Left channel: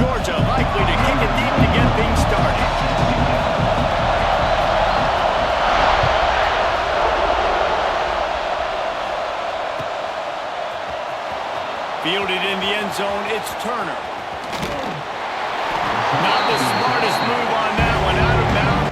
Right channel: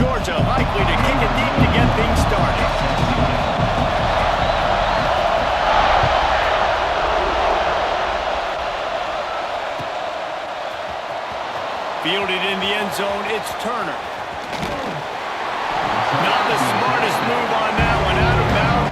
Georgia likely to kick it deep to get things started. Fielded in the end zone, it's Turner. Not the smartest move on that one, out of bounds.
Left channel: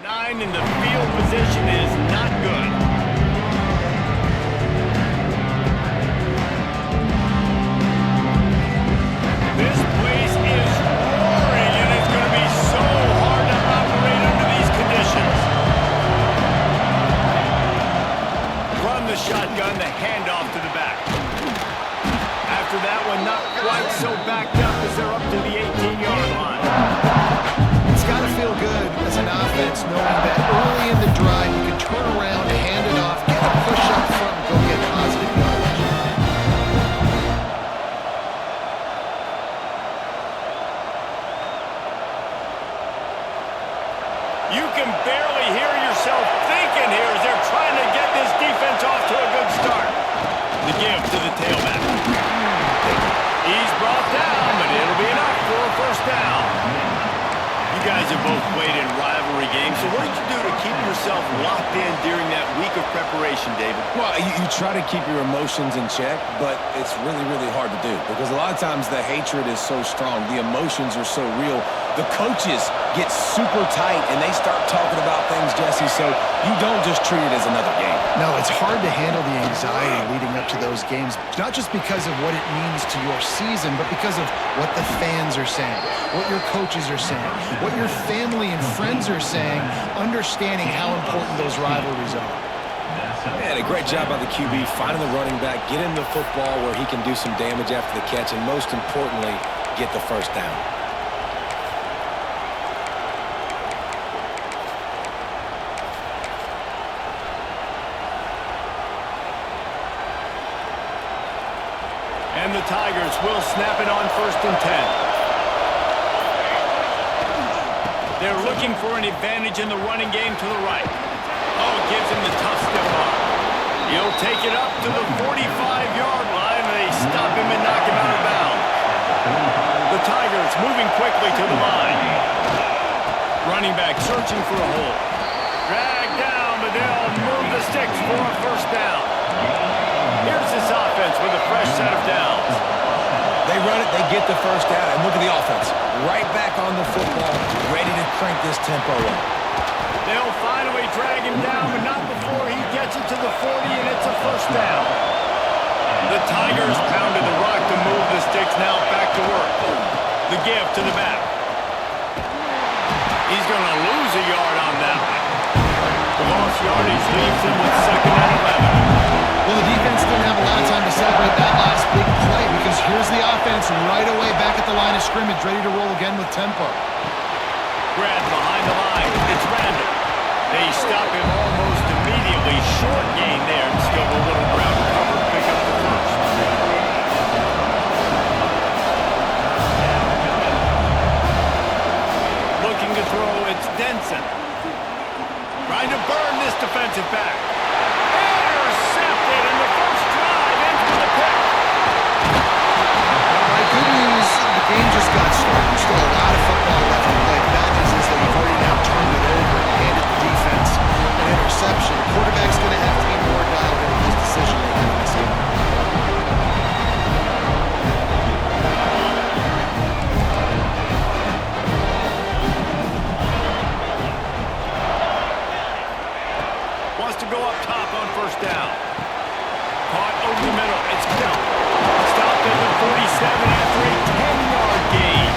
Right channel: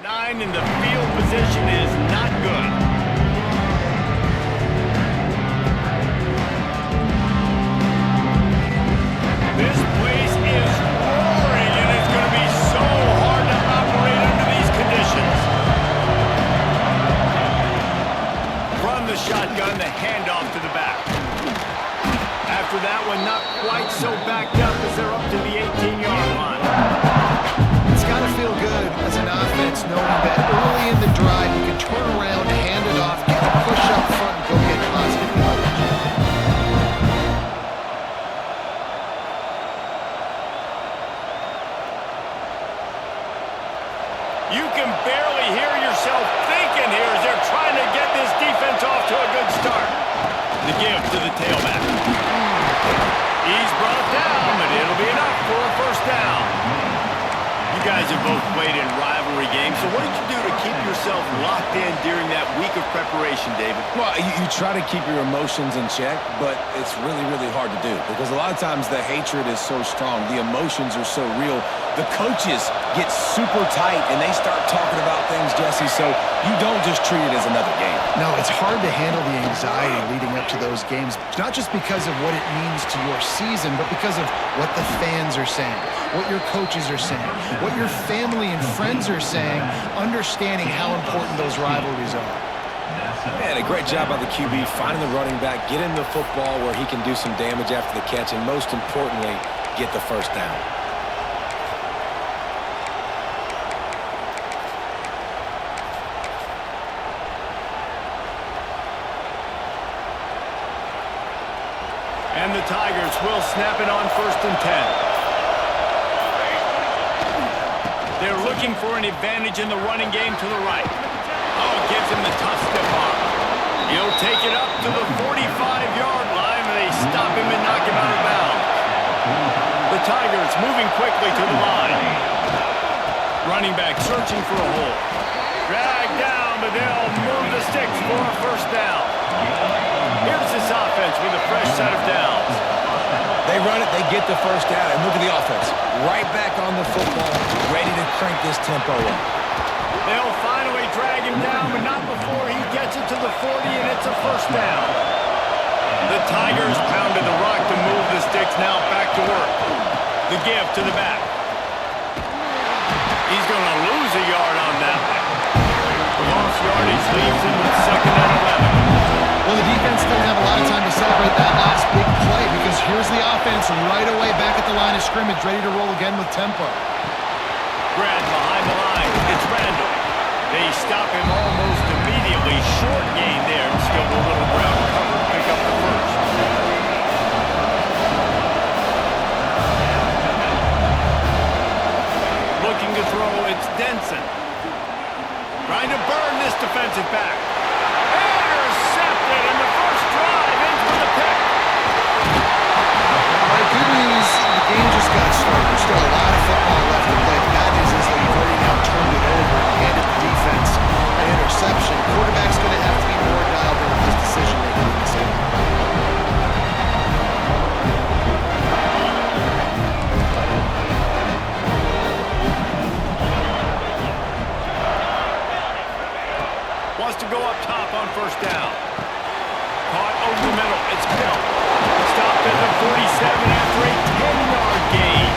Nine in the field position is not good. This place is roaring, and it's going to be so hard to operate under these conditions. From the shotgun, the handoff to the back. After that one, not quite so backed up as they're up to the 18-yard line. It's got to feel good as an offense knowing that early in the drive you can turn around, hand it off, get a push up front, and go get positive yardage. You can barely hear yourself thinking here as they're trying to get this defense off to a good start. The give to the tailback. He's brought down, but it'll be enough for a first down. You guys have both played in rivalry games, so what did you do to keep yourself locked in during that week of preparation, David? Well, you try to keep your emotions in check, but it's really, really hard to do because a lot of times the hatred is so strong, the emotions are so real. The coaches get super tight and they start talking about things, Jesse, so you don't just treat it as another game. No, it's hard to handle the anxiety leading up to those games, not just because of what it means to your season, but because of what the fans are saying, what your coaches are saying, what your family and friends are saying, understanding how important those rivalries are. Man, a great job by the QB finding the running back, get him the football where he can do some damage after the catch, and most importantly, get the first down. And the Tigers will snap it on 1st and 10. They're looking for an advantage in the running game to the right. Oh, gives him the tough stiff arm. He'll take it up to the 45-yard line, and they stop him and knock him out of bounds. The Tigers moving quickly to the line. Running back searching for a hole. Dragged down, but they'll move the sticks for a first down. Here's this offense with a fresh set of downs. They run it, they get the first down, and look at the offense. Right back on the football, ready to crank this tempo up. They'll finally drag him down, but not before he gets it to the 40, and it's a first down. The Tigers pounded the rock to move the sticks, now back to work. The give to the back. He's going to lose a yard on that one. The lost yardage leaves him with 2nd and 11. Well, the defense didn't have a lot of time to celebrate that last big play because here's the offense right away back at the line of scrimmage, ready to roll again with tempo. Brad behind the line. It's Randall. They stop him almost immediately. Short gain there. Still a little ground cover. Pick up the first. It's Denson. Trying to burn this defensive back. Intercepted, and the first drive ends with a pick. All right, good news, the game just got started. There's still a lot of football left to play. The bad news is that you've already now turned it over and handed the defense an interception. Quarterback's going to have to be more dialed in with his decision-making in this game. Wants to go up top on first down. Caught over the middle. It's Bell. Stopped at the 47 after a 10-yard gain.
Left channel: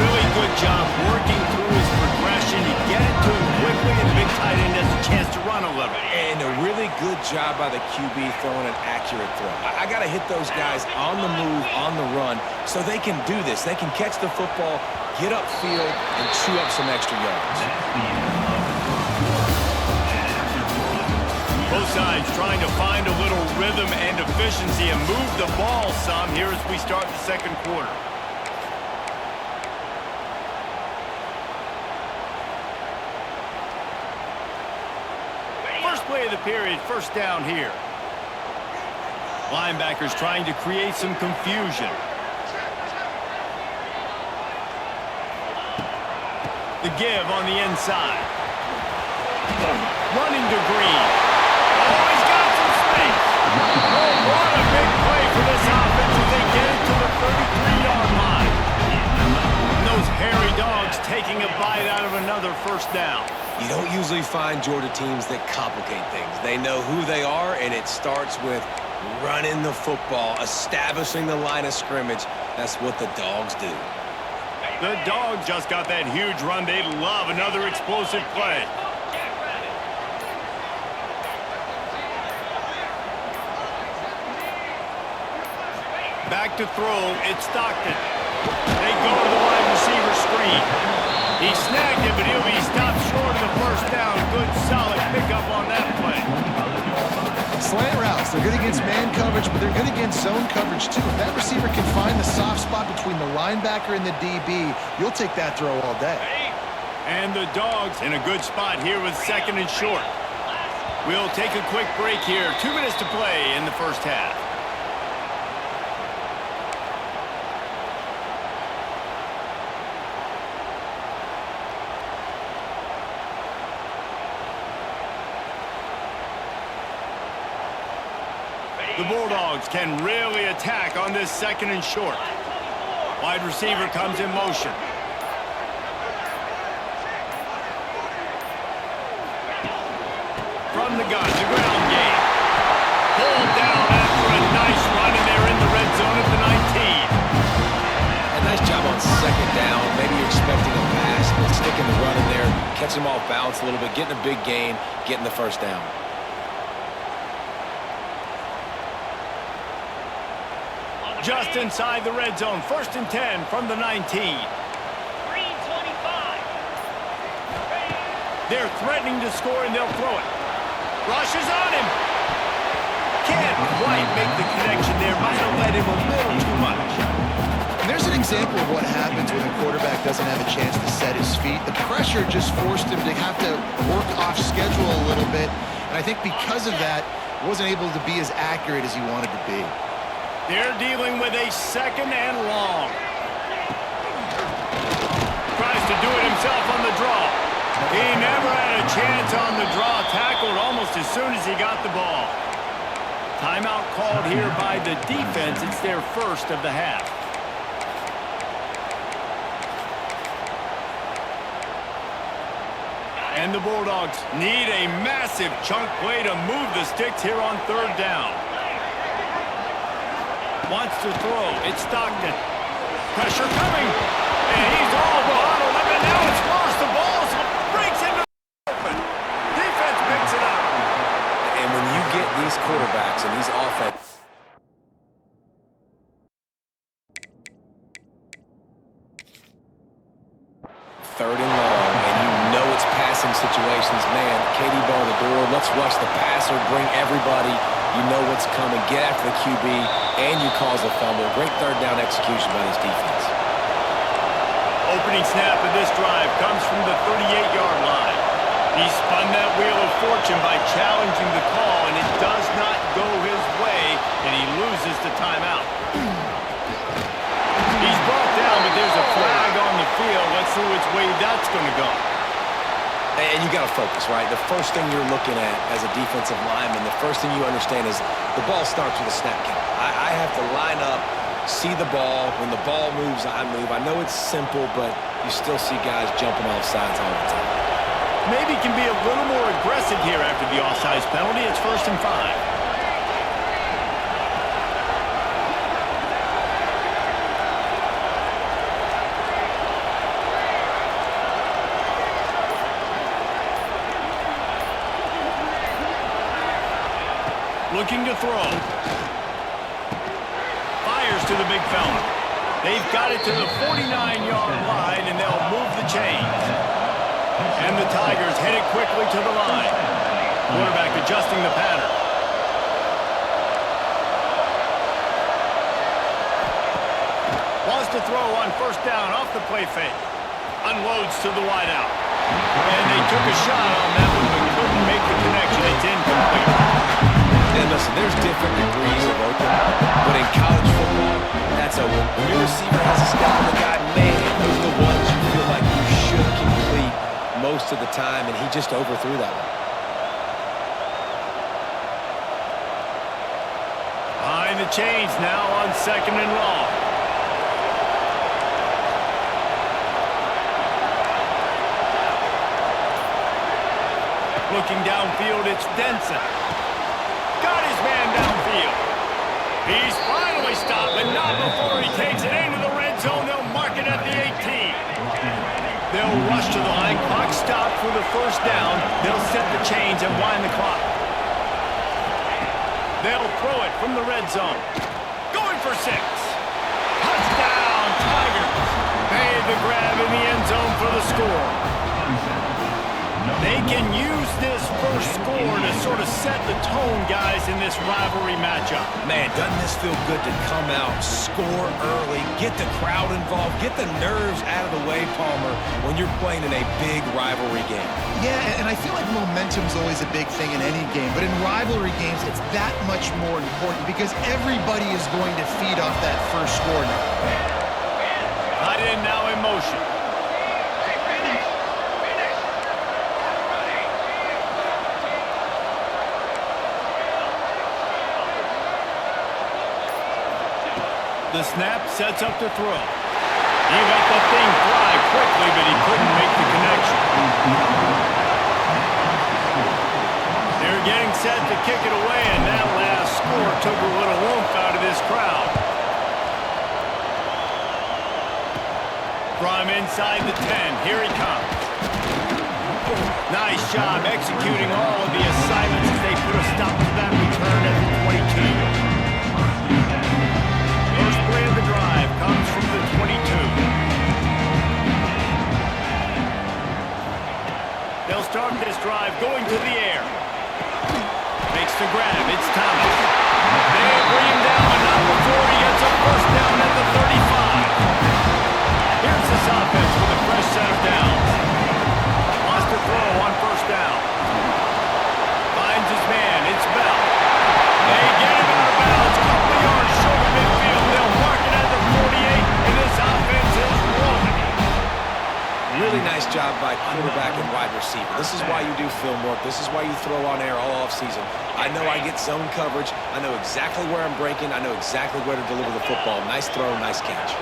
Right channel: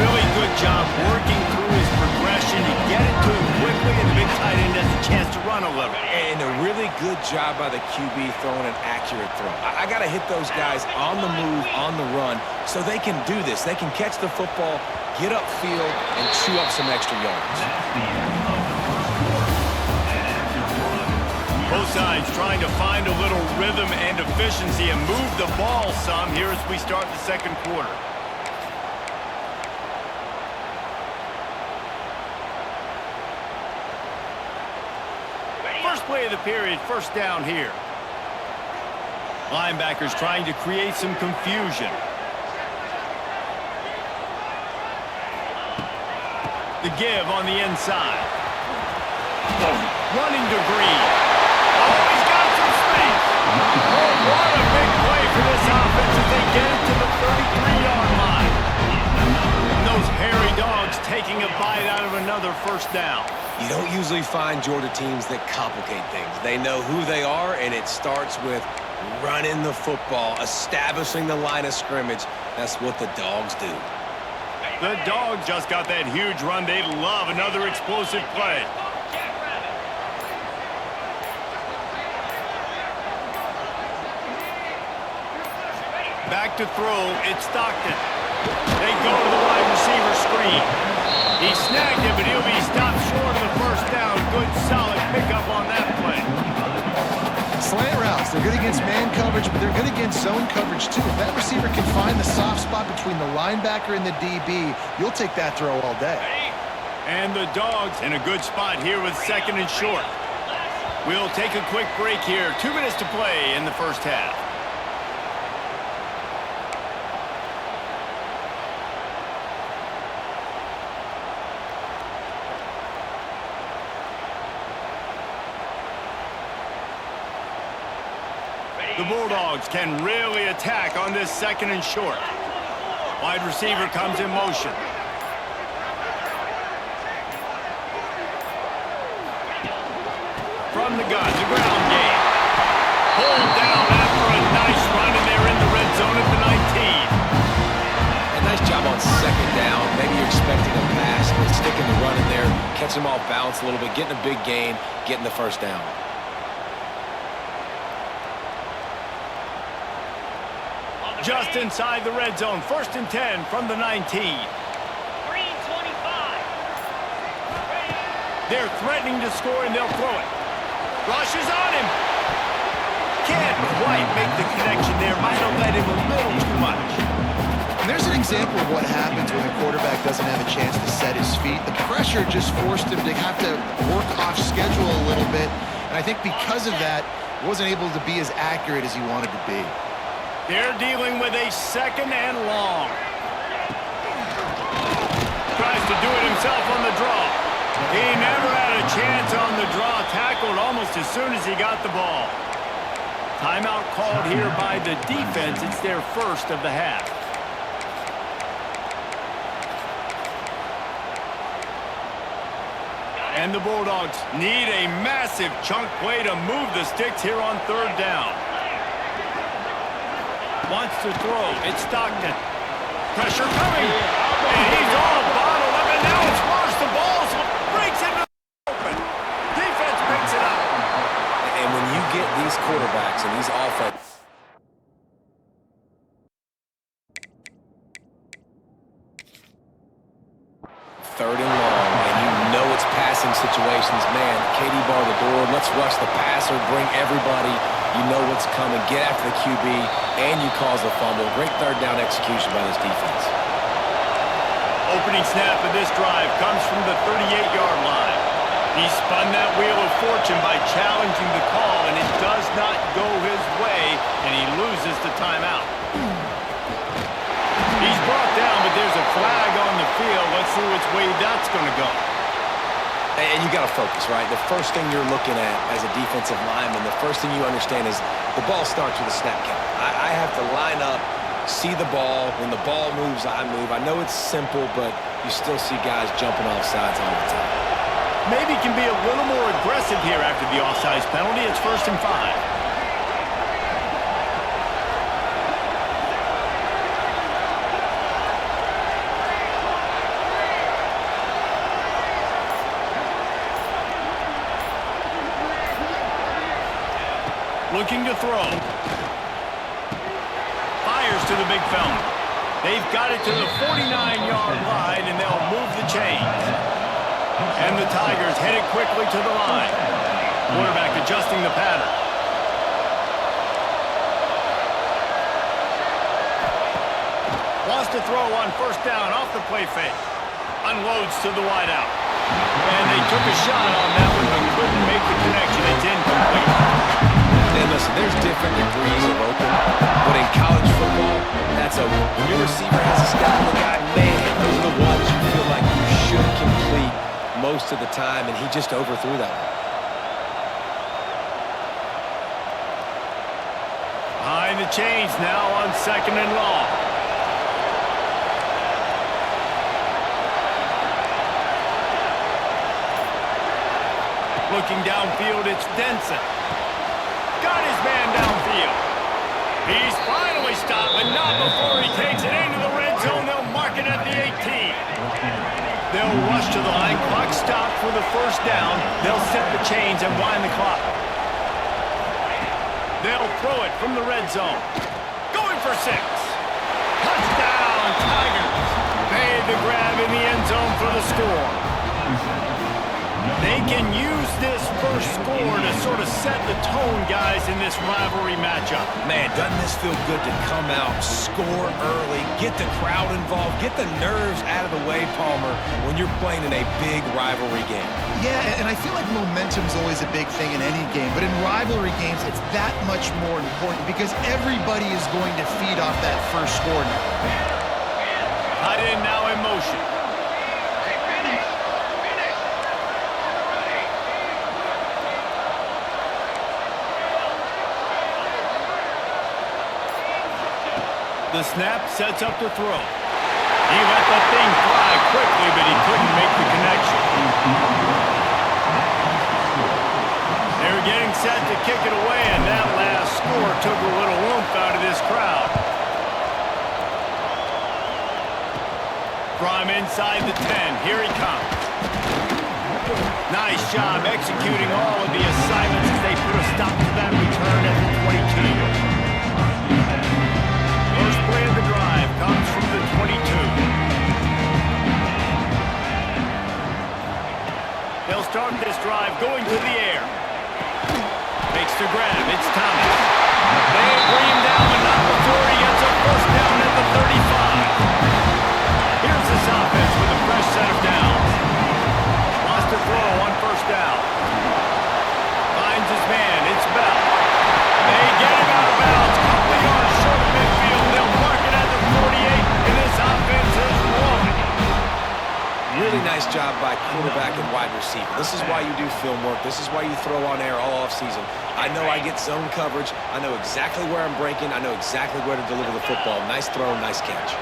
Really good job working through his progression to get it to him quickly, and the big tight end has a chance to run a little. And a really good job by the QB throwing an accurate throw. I got to hit those guys on the move, on the run, so they can do this. They can catch the football, get upfield, and chew up some extra yards. Both sides trying to find a little rhythm and efficiency and move the ball some here as we start the second quarter. First play of the period, first down here. Linebackers trying to create some confusion. The give on the inside. Running to Green. Oh, he's got some space. Oh, what a big play for this offense as they get it to the 33-yard line. And those hairy dogs taking a bite out of another first down. You don't usually find Georgia teams that complicate things. They know who they are, and it starts with running the football, establishing the line of scrimmage. That's what the Dogs do. The Dogs just got that huge run. They love another explosive play. Back to throw, it's Stockton. They go to the wide receiver screen. He snagged it, but he'll be stopped short of the first down. Good, solid pickup on that play. Slant routes, they're good against man coverage, but they're good against zone coverage too. If that receiver can find the soft spot between the linebacker and the DB, you'll take that throw all day. And the Dogs in a good spot here with second and short. We'll take a quick break here. 2 minutes to play in the first half. The Bulldogs can really attack on this second and short. Wide receiver comes in motion. From the gun, the ground game. Pulled down after a nice run, and they're in the red zone at the 19. A nice job on second down. Maybe you're expecting a pass, but sticking the run in there, catching them off balance a little bit, getting a big gain, getting the first down. Just inside the red zone. First and 10 from the 19. Green 25. They're threatening to score, and they'll throw it. Rushes on him. Can't quite make the connection there. Might have led him a little too much. And there's an example of what happens when a quarterback doesn't have a chance to set his feet. The pressure just forced him to have to work off schedule a little bit. And I think because of that, he wasn't able to be as accurate as he wanted to be. They're dealing with a second and long. Tries to do it himself on the draw. He never had a chance on the draw. Tackled almost as soon as he got the ball. Timeout called here by the defense. It's their first of the half. And the Bulldogs need a massive chunk play to move the sticks here on third down. Wants to throw. It's Stockton. Pressure coming. And he's all bottled up. And now it's worse. The ball breaks into the open. Defense picks it up. And when you get these quarterbacks and these offense, third and long, and you know it's passing situations, man, KD bar the door, let's rush the passer, bring everybody, you know what's coming, get after the QB, and you cause a fumble. Great third down execution by this defense. Opening snap of this drive comes from the 38-yard line. He spun that wheel of fortune by challenging the call, and it does not go his way, and he loses the timeout. He's brought down, but there's a flag on the field. Let's see which way that's going to go. And you got to focus, right? The first thing you're looking at as a defensive lineman, the first thing you understand is the ball starts with a snap count. I have to line up, see the ball. When the ball moves, I move. I know it's simple, but you still see guys jumping off sides all the time. Maybe can be a little more aggressive here after the offsides penalty. It's 1st and 5. Looking to throw. Fires to the big fella. They've got it to the 49-yard line, and they'll move the chains. And the Tigers headed quickly to the line. Quarterback adjusting the pattern. Wants to throw on 1st down off the play fake. Unloads to the wideout. And they took a shot on that one, but couldn't make the connection. It's incomplete. And listen, there's different degrees of open, but in college football, that's open. When your receiver has a step on the guy, man, those are the ones you feel like you should complete most of the time, and he just overthrew that one. Behind the chains now on 2nd and long. Looking downfield, it's Denson. Got his man downfield. He's finally stopped, but not before he takes it into the red zone. They'll mark it at the 18. They'll rush to the line. Clock stopped for the 1st down. They'll set the chains and wind the clock. They'll throw it from the red zone. Going for 6. Touchdown, Tigers. Made the grab in the end zone for the score. They can use this first score to sort of set the tone, guys, in this rivalry matchup. Man, doesn't this feel good to come out, score early, get the crowd involved, get the nerves out of the way, Palmer, when you're playing in a big rivalry game? Yeah, and I feel like momentum's always a big thing in any game, but in rivalry games, it's that much more important because everybody is going to feed off that first score now. Tight end now in motion. The snap sets up to throw. He let the thing fly quickly, but he couldn't make the connection. They're getting set to kick it away, and that last score took a little oomph out of this crowd. From inside the 10, here he comes. Nice job executing all of the assignments as they put a stop to that return at the 22. First play of the drive comes from the 22. They'll start this drive going to the air. Makes the grab. It's Thomas. They bring him down, but not before he gets a 1st down at the 35. Here's this offense with a fresh set of downs. Wants to throw on 1st down. Finds his man. It's Bell. They get him out of bounds. Couple of yards short of midfield. They'll mark it at the 48, and this offense is rolling. Really nice job by quarterback and wide receiver. This is why you do film work. This is why you throw on air all offseason. I know I get zone coverage. I know exactly where I'm breaking. I know exactly where to deliver the football. Nice throw, nice catch.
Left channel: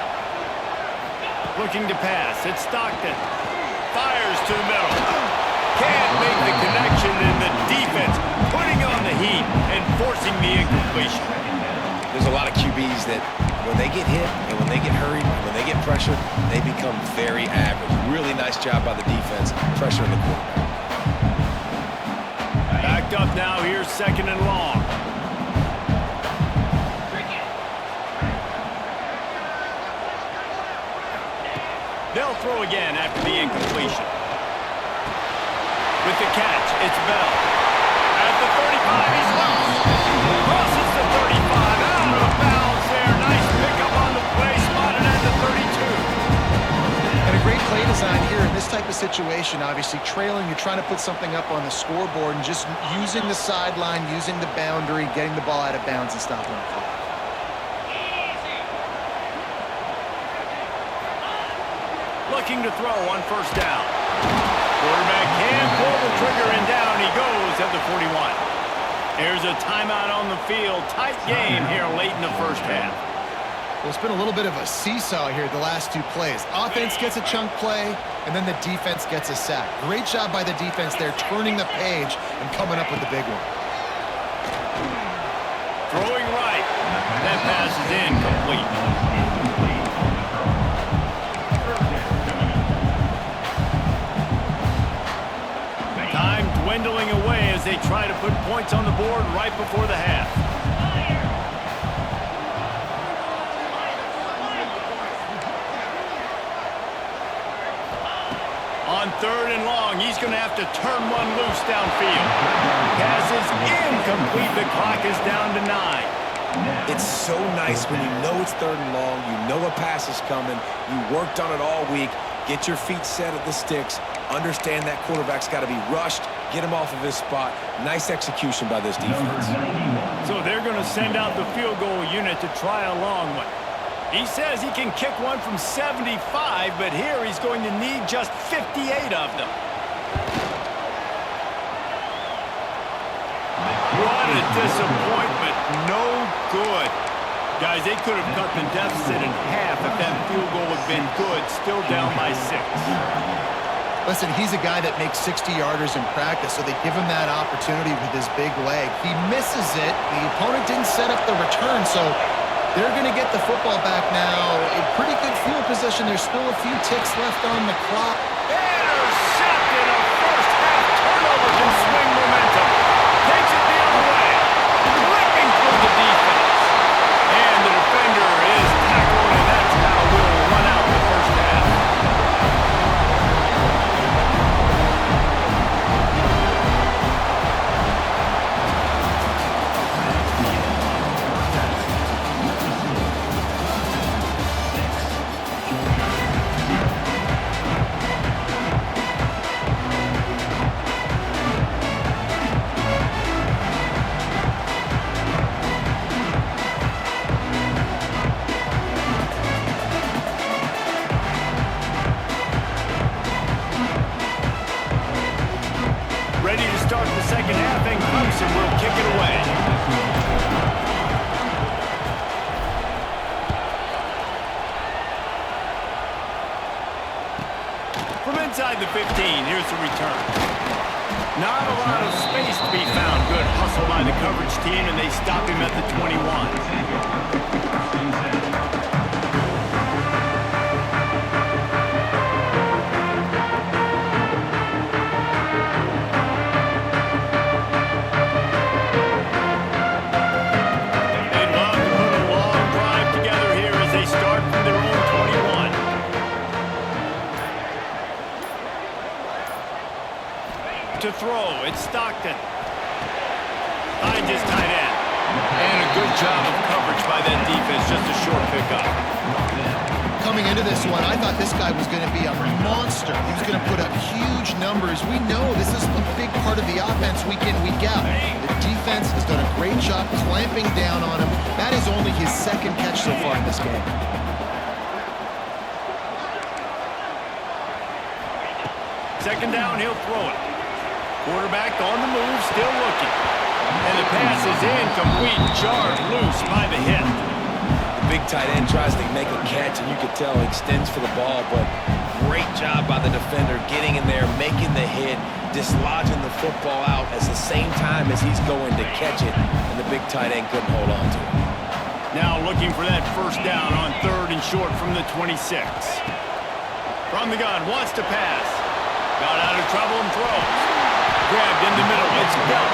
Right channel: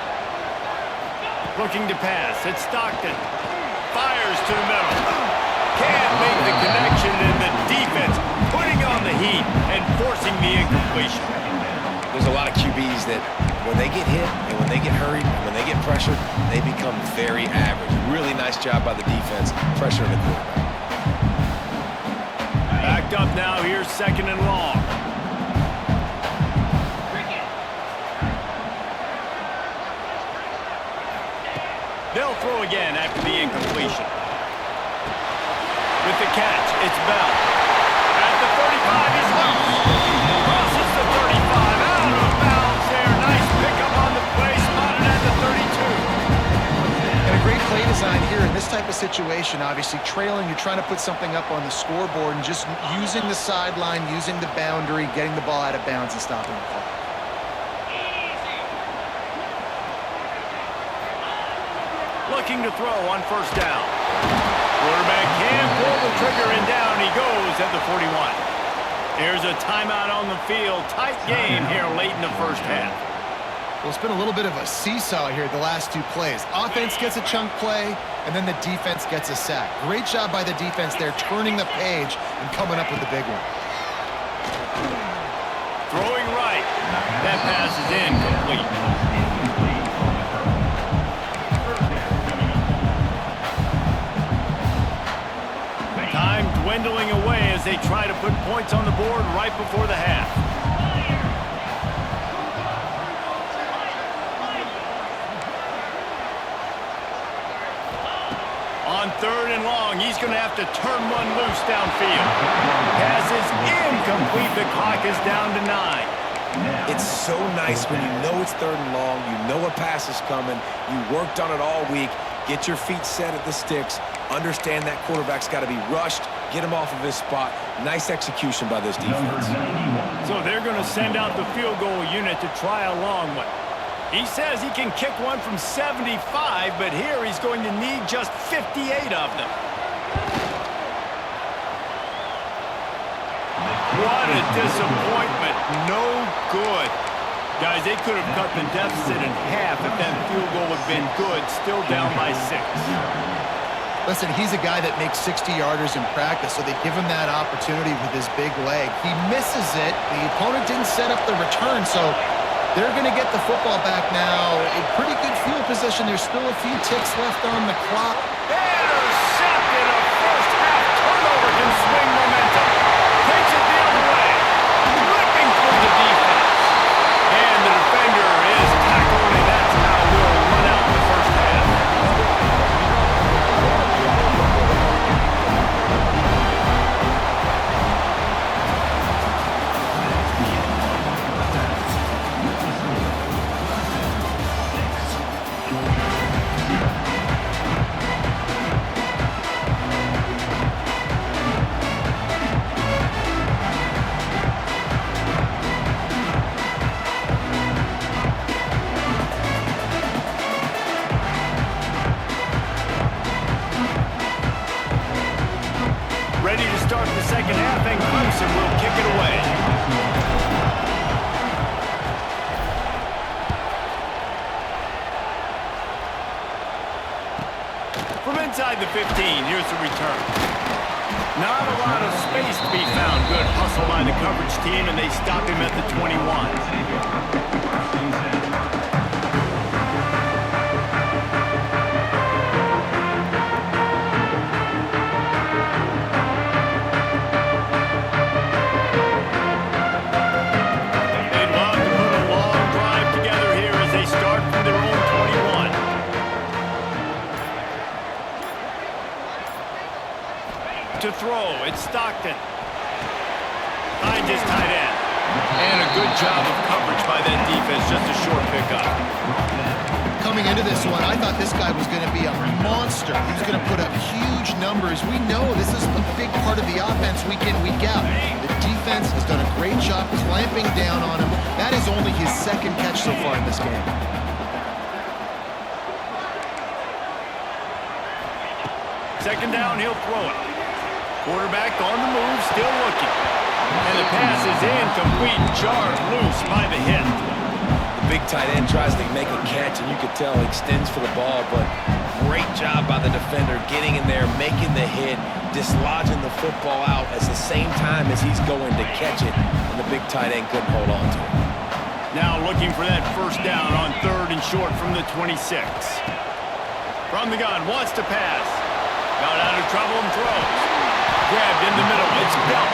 Looking to pass. It's Stockton. Fires to the middle. Can't make the connection, and the defense putting on the heat and forcing the incompletion. There's a lot of QBs that when they get hit and when they get hurried and when they get pressured, they become very average. Really nice job by the defense, pressuring the quarterback. Backed up now, here's 2nd and long. They'll throw again after the incompletion. With the catch, it's Bell. At the 35, he's loose. Crosses the 35, out of bounds there. Nice pickup on the play, spotted at the 32. And a situation, obviously trailing, you're trying to put something up on the scoreboard and just using the sideline, using the boundary, getting the ball out of bounds and stopping the clock. Looking to throw on first down. Quarterback can pull the trigger and down he goes at the 41. Here's a timeout on the field. Tight game here late in the first half. Well, it's been a little bit of a seesaw here the last two plays. Offense gets a chunk play, and then the defense gets a sack. Great job by the defense there, turning the page and coming up with the big one. Throwing right. That pass is incomplete. Time dwindling away as they try to put points on the board right before the half. On third and long, he's going to have to turn one loose downfield. Pass is incomplete. The clock is down to 9. It's so nice when you know it's third and long, you know a pass is coming, you worked on it all week, get your feet set at the sticks, understand that quarterback's got to be rushed, get him off of his spot. Nice execution by this defense. So they're going to send out the field goal unit to try a long one. He says he can kick one from 75, but here he's going to need just 58 of them. What a disappointment. No good. Guys, they could have cut the deficit in half if that field goal had been good, still down by 6. Listen, he's a guy that makes 60-yarders in practice, so they give him that opportunity with his big leg. He misses it. The opponent didn't set up the return, so they're going to get the football back now. A pretty good field position. There's still a few ticks left on the clock. Intercepted. A first-half turnover can swing momentum. Takes it the other way. Ripping through the defense. And the defender is tackled, and that's how we'll run out the first half. Ready to start the second half, and Clemson will kick it away. From inside the 15, here's the return. Not a lot of space to be found. Good hustle by the coverage team, and they stop him at the 21. To throw, it's Stockton. Finds his tight end. And a good job of coverage by that defense, just a short pickup. Coming into this one, I thought this guy was going to be a monster. He was going to put up huge numbers. We know this is a big part of the offense week in, week out. The defense has done a great job clamping down on him. That is only his second catch so far in this game. Second down, he'll throw it. Quarterback on the move, still looking. And the pass is incomplete, jarred loose by the hit. The big tight end tries to make a catch, and you could tell he extends for the ball, but great job by the defender getting in there, making the hit, dislodging the football out at the same time as he's going to catch it, and the big tight end couldn't hold on to it. Now looking for that first down on third and short from the 26. From the gun, wants to pass. Got out of trouble and throws. Grabbed in the middle, it's Belt.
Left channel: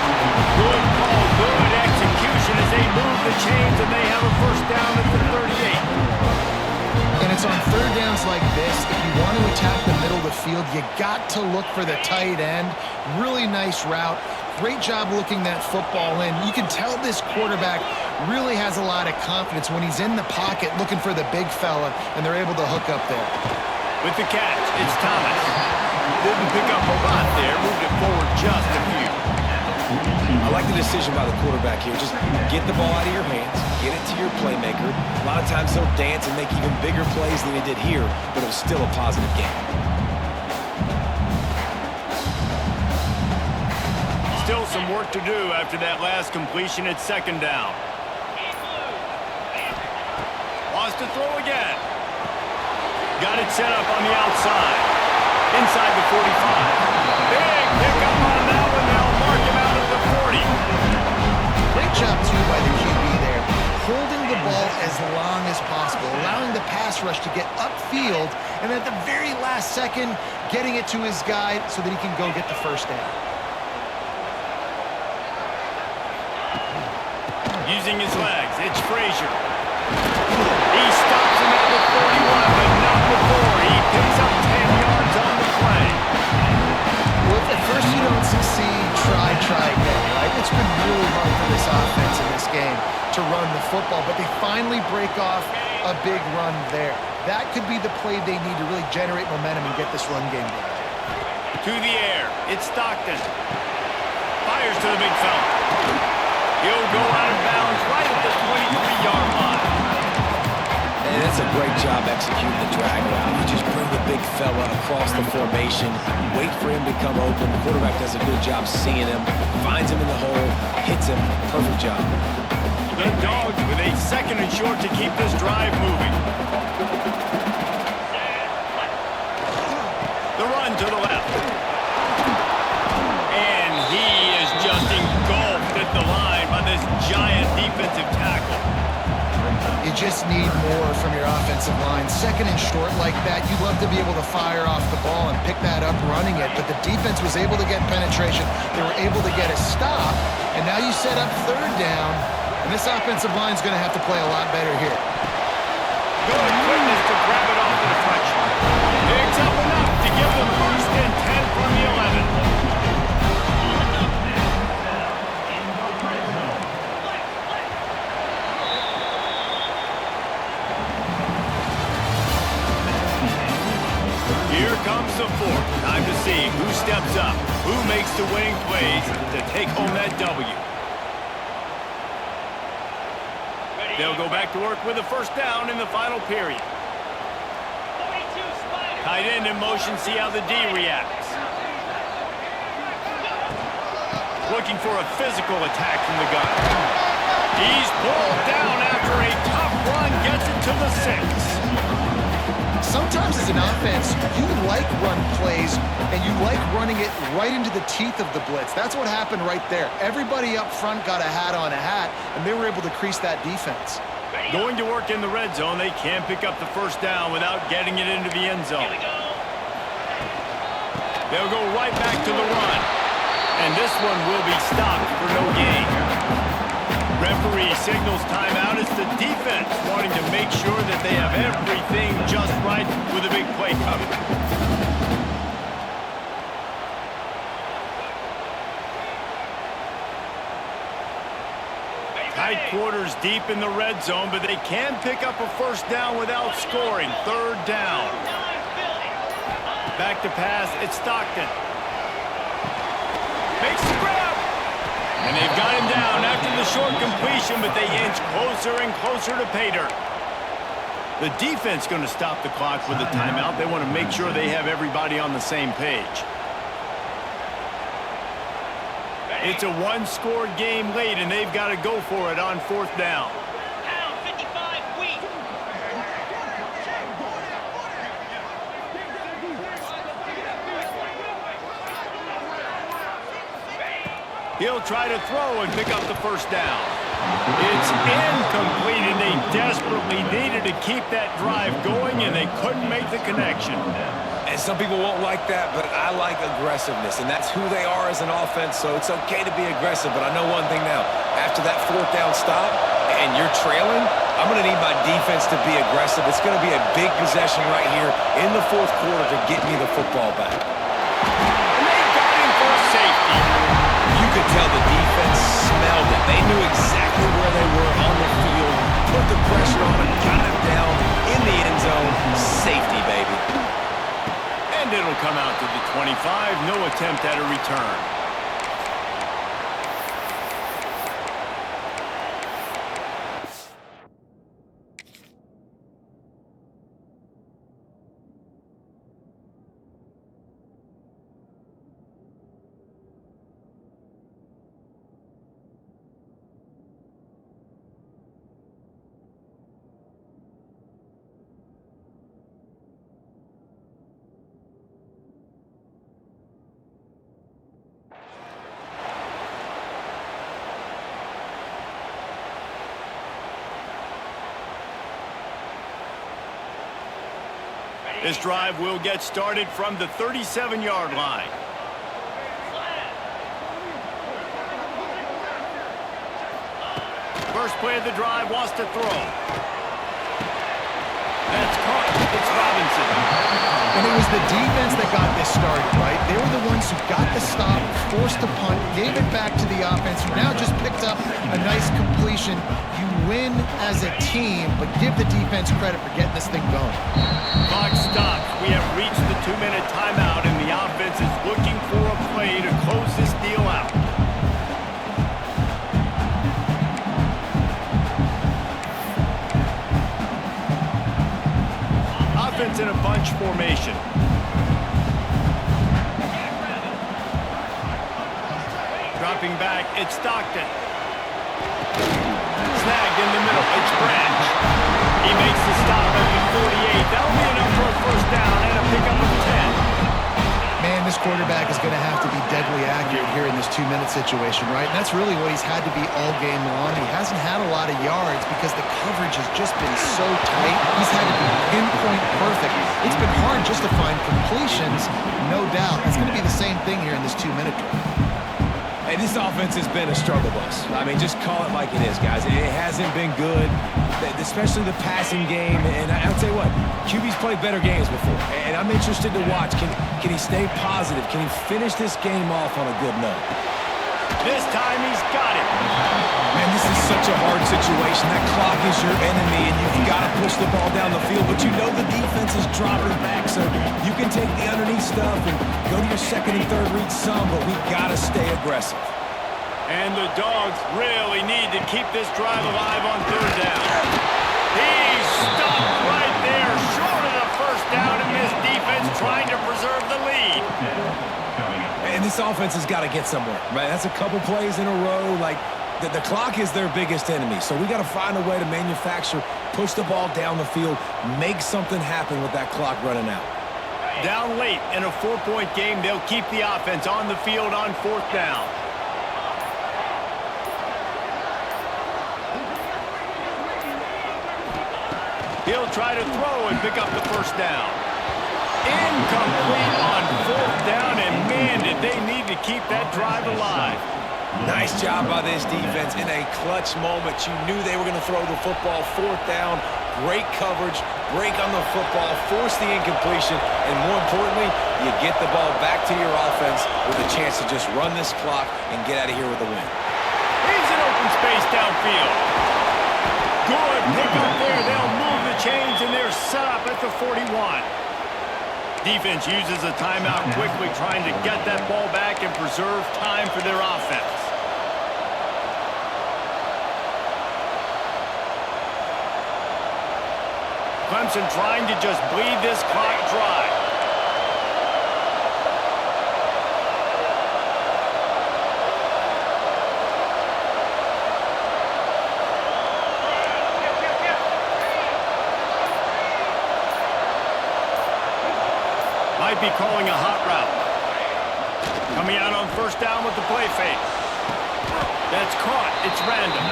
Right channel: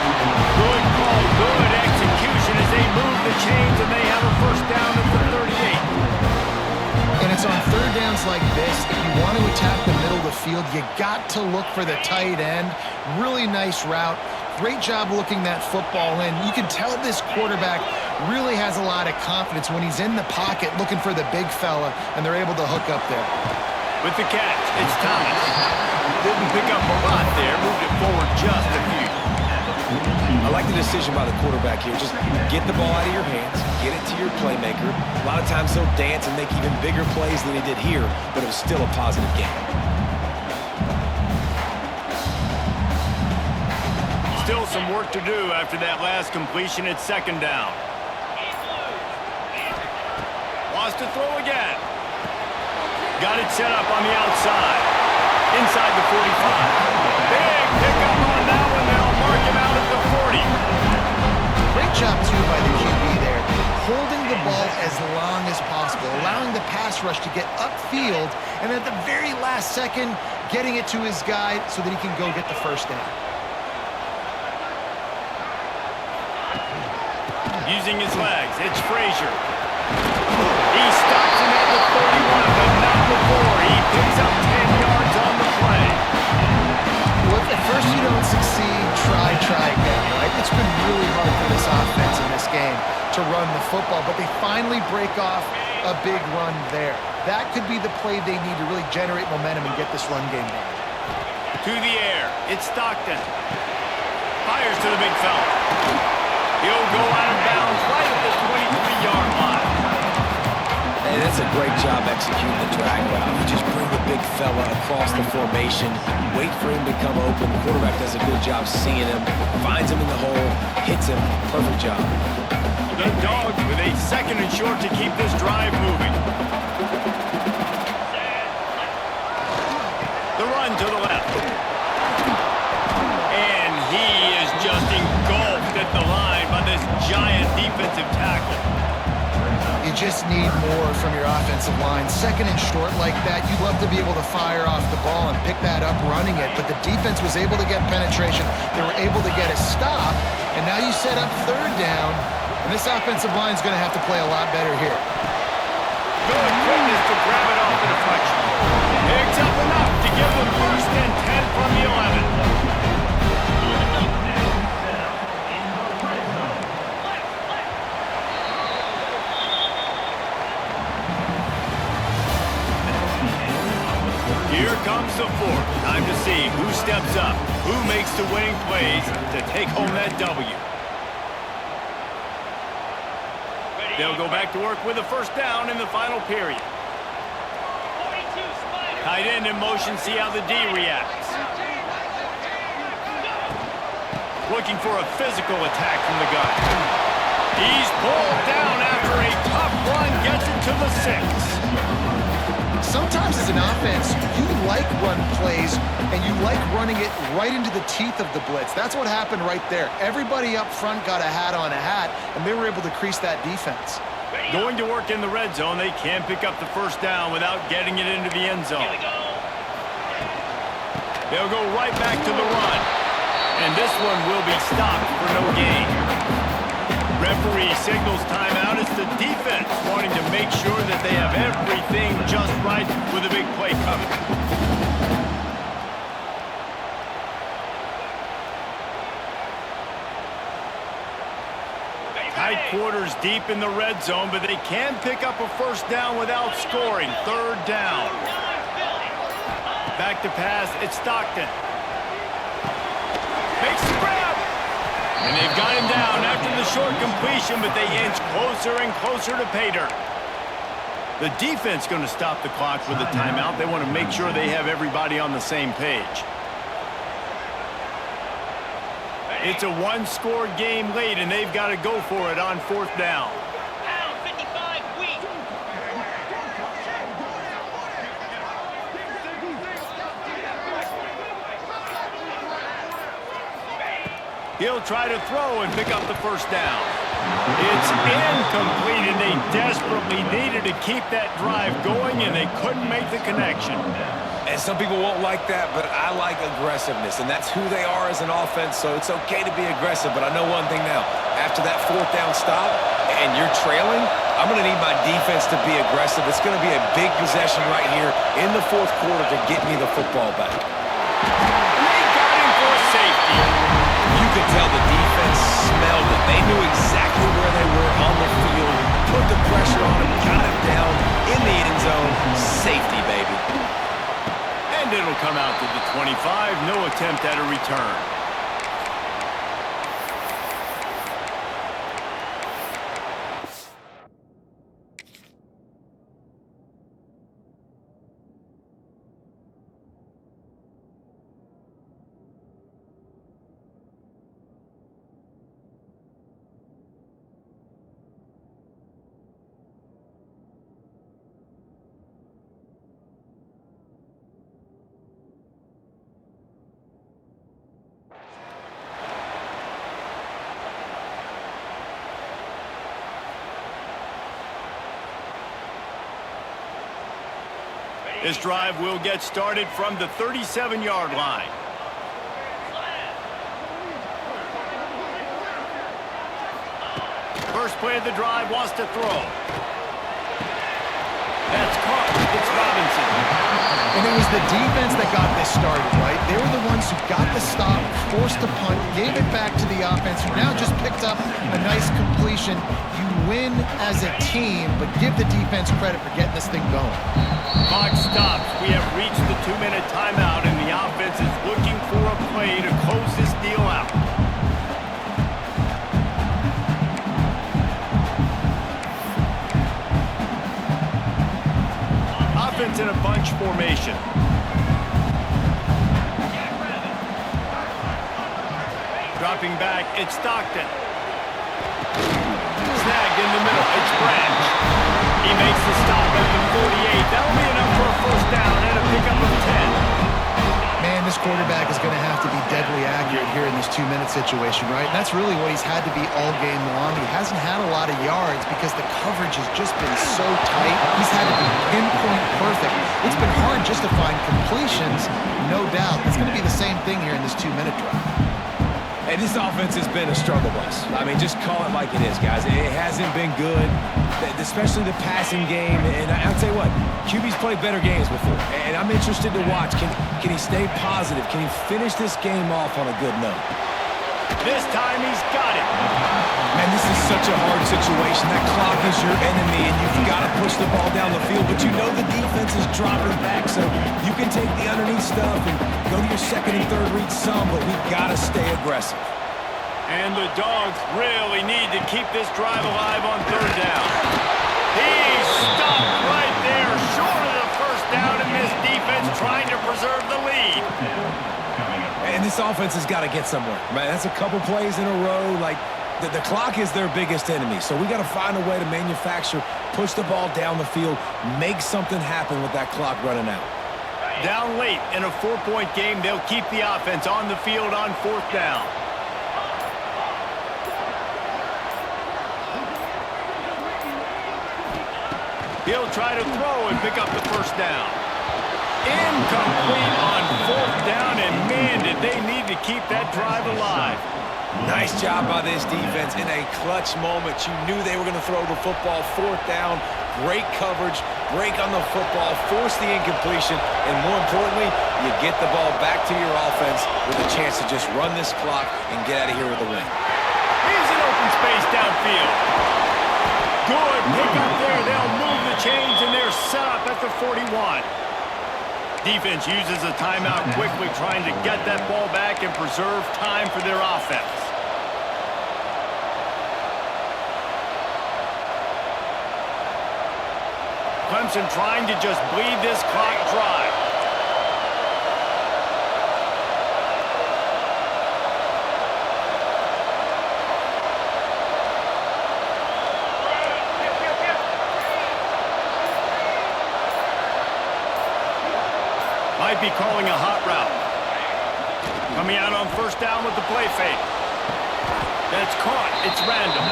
Good call, good execution as they move the chains, and they have a first down at the 38. And it's on third downs like this, if you want to attack the middle of the field, you got to look for the tight end. Really nice route. Great job looking that football in. You can tell this quarterback really has a lot of confidence when he's in the pocket looking for the big fella, and they're able to hook up there. With the catch, it's Thomas. Didn't pick up a lot there, moved it forward just a few. I like the decision by the quarterback here. Just get the ball out of your hands, get it to your playmaker. A lot of times he'll dance and make even bigger plays than he did here, but it was still a positive game. Still some work to do after that last completion at second down. Wants to throw again. Got it set up on the outside. Inside the 45. Big pickup on that one. They'll mark him out at the 40. Great job, too, by the QB there. Holding the ball as long as possible, allowing the pass rush to get upfield, and at the very last second, getting it to his guy so that he can go get the first down. Using his legs, it's Frazier. He stops him at the 31, but not before. He picks up 10 yards on the play. Well, if at first you don't succeed, try again, right? It's been really hard for this offense in this game to run the football, but they finally break off a big run there. That could be the play they need to really generate momentum and get this run game done. To the air, it's Stockton. Fires to the big fella. He'll go out of bounds right at the 23-yard line. And that's a great job executing the drag route. You just bring the big fella across the formation, wait for him to come open. The quarterback does a good job seeing him, finds him in the hole, hits him. Perfect job. The Dogs with a second and short to keep this drive moving. The run to the left. And he is just engulfed at the line by this giant defensive tackle. You just need more from your offensive line. Second and short like that, you'd love to be able to fire off the ball and pick that up running it, but the defense was able to get penetration. They were able to get a stop, and now you set up third down, and this offensive line is going to have to play a lot better here. Good quickness to grab it off the deflection. Picks up enough to give them first and 10 from the 11. Here comes the fourth. Time to see who steps up, who makes the winning plays to take home that W. They'll go back to work with a first down in the final period. Tight end in motion, see how the D reacts. Looking for a physical attack from the gun. He's pulled down after a tough run, gets it to the 6. Sometimes as an offense, you like run plays, and you like running it right into the teeth of the blitz. That's what happened right there. Everybody up front got a hat on a hat, and they were able to crease that defense. Going to work in the red zone, they can pick up the first down without getting it into the end zone. They'll go right back to the run, and this one will be stopped for no gain. Referee signals timeout. It's the defense wanting to make sure that they have everything just right with a big play coming. Tight quarters deep in the red zone, but they can pick up a first down without scoring. Third down. Back to pass. It's Stockton. Makes the grab. And they've got him down after the short completion, but they inch closer and closer to pay dirt. The defense going to stop the clock with a timeout. They want to make sure they have everybody on the same page. It's a one-score game late, and they've got to go for it on fourth down. Pound 55 weak. He'll try to throw and pick up the first down. It's incomplete, and they desperately needed to keep that drive going, and they couldn't make the connection. And some people won't like that, but I like aggressiveness, and that's who they are as an offense, so it's okay to be aggressive. But I know one thing now. After that fourth down stop and you're trailing, I'm going to need my defense to be aggressive. It's going to be a big possession right here in the fourth quarter to get me the football back. And they got him for a safety. You could tell the defense smelled it. They knew exactly where they were on the field, put the pressure on him, got him down in the end zone. Safety, baby. And it'll come out to the 25. No attempt at a return. This drive will get started from the 37-yard line. First play of the drive, wants to throw. That's caught. It's Robinson. And it was the defense that got this started, right? They were the ones who got the stop, forced a punt, gave it back to the offense, who now just picked up a nice completion. You win as a team, but give the defense credit for getting this thing going. Clock stops. We have reached the 2-minute timeout, and the offense is looking for a play to close this deal out. Offense in a bunch formation. Dropping back, it's Stockton. Snagged in the middle, it's Branch. He makes the stop at the 48. That'll be enough for a first down and a pickup of 10. Man, this quarterback is going to have to be deadly accurate here in this 2-minute situation, right? And that's really what he's had to be all game long. He hasn't had a lot of yards because the coverage has just been so tight. He's had to be pinpoint perfect. It's been hard just to find completions, no doubt. It's going to be the same thing here in this 2-minute drive. And this offense has been a struggle bus. I mean, just call it like it is, guys. It hasn't been good, especially the passing game. And I'll tell you what, QB's played better games before. And I'm interested to watch. Can he stay positive? Can he finish this game off on a good note? This time he's got it. Man, this is such a hard situation. That clock is your enemy, and you've got to push the ball down the field. But you know the defense is dropping back, so you can take the underneath stuff and go to your second and third read some, but we've got to stay aggressive. And the Dogs really need to keep this drive alive on third down. He's stopped right there, short of the first down, and this defense trying to preserve the lead. And this offense has got to get somewhere, right? That's a couple plays in a row. Like, the clock is their biggest enemy, so we got to find a way to manufacture, push the ball down the field, make something happen with that clock running out. Down late in a 4-point game, they'll keep the offense on the field on fourth down. He'll try to throw and pick up the first down. Incomplete on fourth down, and man, did they need to keep that drive alive. Nice job by this defense in a clutch moment. You knew they were going to throw the football. Fourth down, great coverage, break on the football, force the incompletion, and more importantly, you get the ball back to your offense with a chance to just run this clock and get out of here with a win. He's in open space downfield. Good pick up there. They'll move the chains, and they're set up at the 41. Defense uses a timeout quickly, trying to get that ball back and preserve time for their offense. Clemson trying to just bleed this clock dry. Might be calling a hot route. Coming out on first down with the play fake. That's caught. It's random.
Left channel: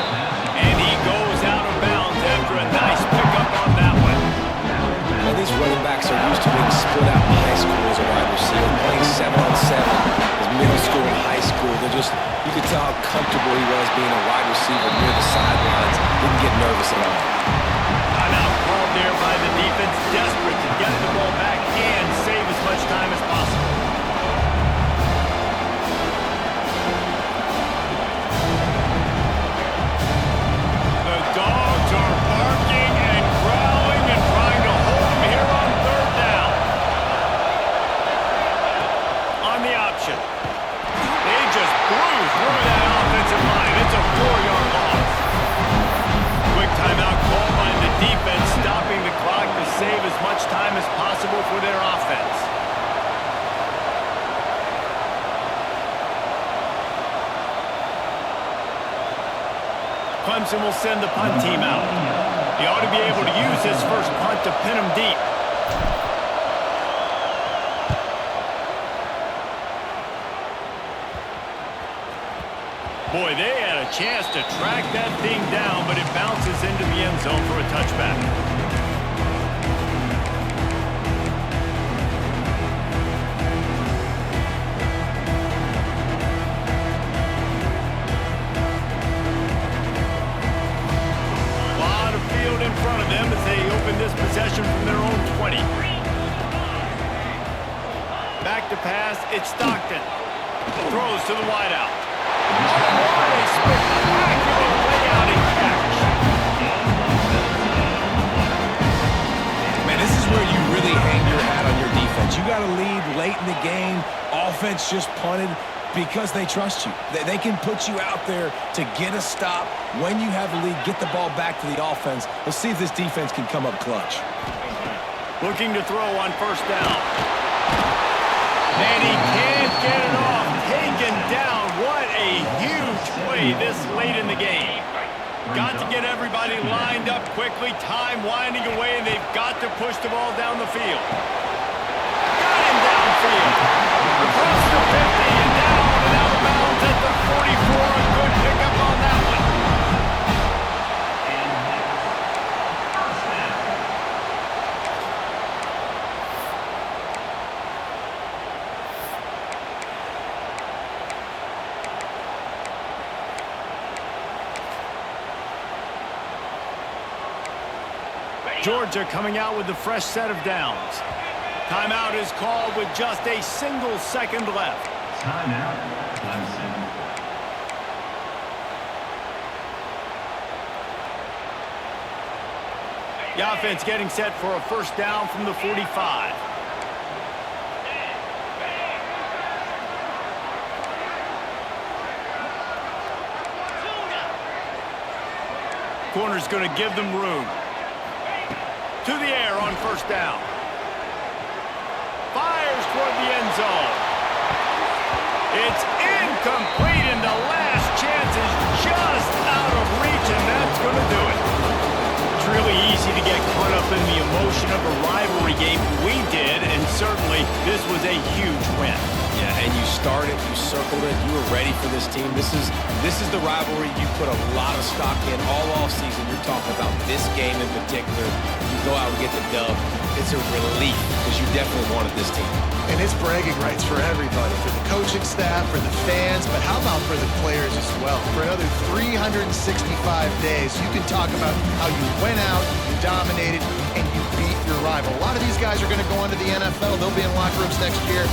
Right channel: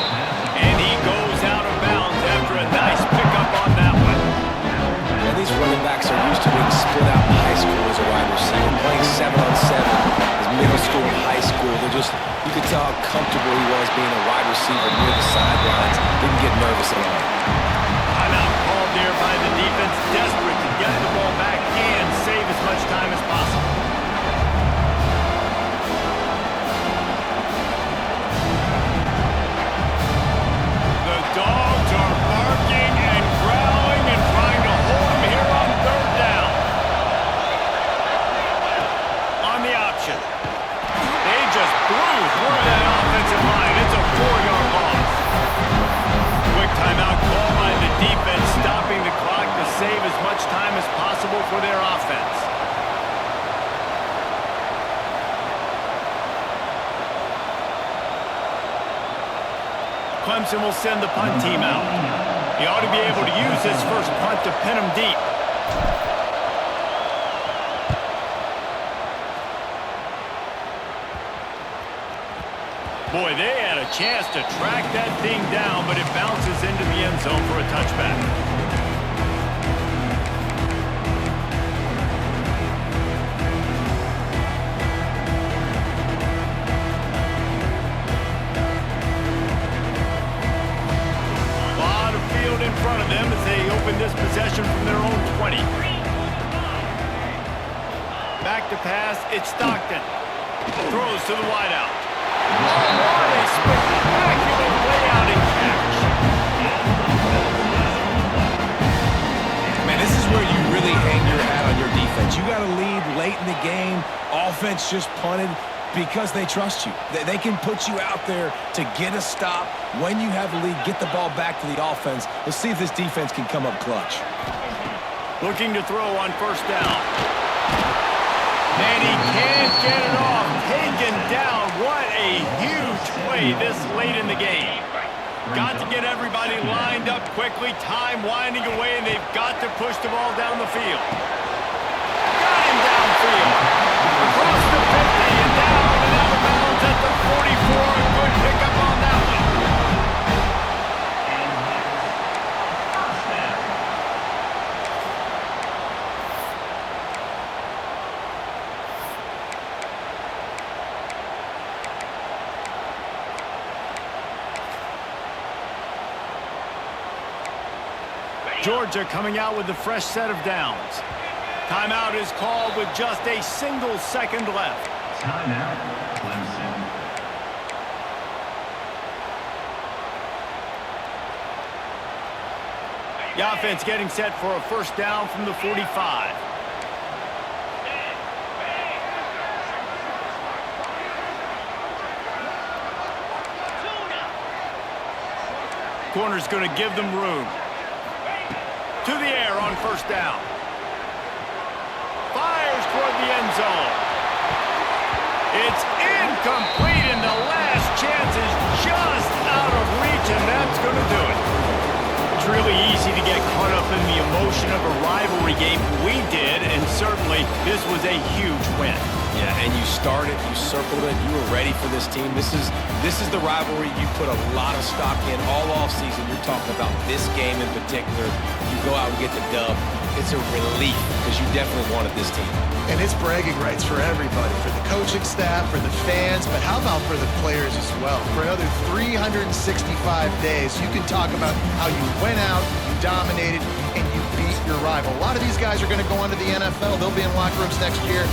And he goes out of bounds after a nice pickup on that one. And these running backs are used to being split out in high school as a wide receiver, playing 7-on-7 as middle school and high school. They're just, you could tell how comfortable he was being a wide receiver near the sidelines. Didn't get nervous at all. Timeout called there by the defense, desperate to get the ball back and save as much time as possible. The Dogs are barking and growling and trying to hold him here on third down. offensive line. It's a 4-yard loss. Quick timeout call by the defense, stopping the clock to save as much time as possible for their offense. Clemson will send the punt team out. He ought to be able to use his first punt to pin him deep. Boy, they had a chance to track that thing down, but it bounces into the end zone for a touchback. A lot of field in front of them as they open this possession from their own 20. Back to pass, it's Stockton. Throws to the wideout. Oh, what a spectacular layout and catch. Man, this is where you really hang your hat on your defense. You got to lead late in the game. Offense just punted because they trust you. They can put you out there to get a stop. When you have the lead, get the ball back to the offense. Let's see if this defense can come up clutch. Looking to throw on first down. And he can't get it off. Taken down. What a huge play this late in the game. Got to get everybody lined up quickly. Time winding away, and they've got to push the ball down the field. Got him downfield. Across the 50 and down and out of bounds at the 44. A good pickup on that one. Georgia coming out with a fresh set of downs. Timeout is called with just a single second left. Timeout, Clemson. The offense getting set for a first down from the 45. Corner's going to give them room. To the air on first down. Fires toward the end zone. It's incomplete, and the last chance is just out of reach, and that's going to do it. It's really easy to get caught up in the emotion of a rivalry game. We did, and certainly this was a huge win. Yeah, and you started, you circled it, you were ready for this team. This is the rivalry you put a lot of stock in all offseason. You're talking about this game in particular. You go out and get the dub. It's a relief because you definitely wanted this team. And it's bragging rights for everybody, for the coaching staff, for the fans, but how about for the players as well? For another 365 days, you can talk about how you went out, you dominated, and you beat your rival. A lot of these guys are going to go on to the NFL. They'll be in locker rooms next year.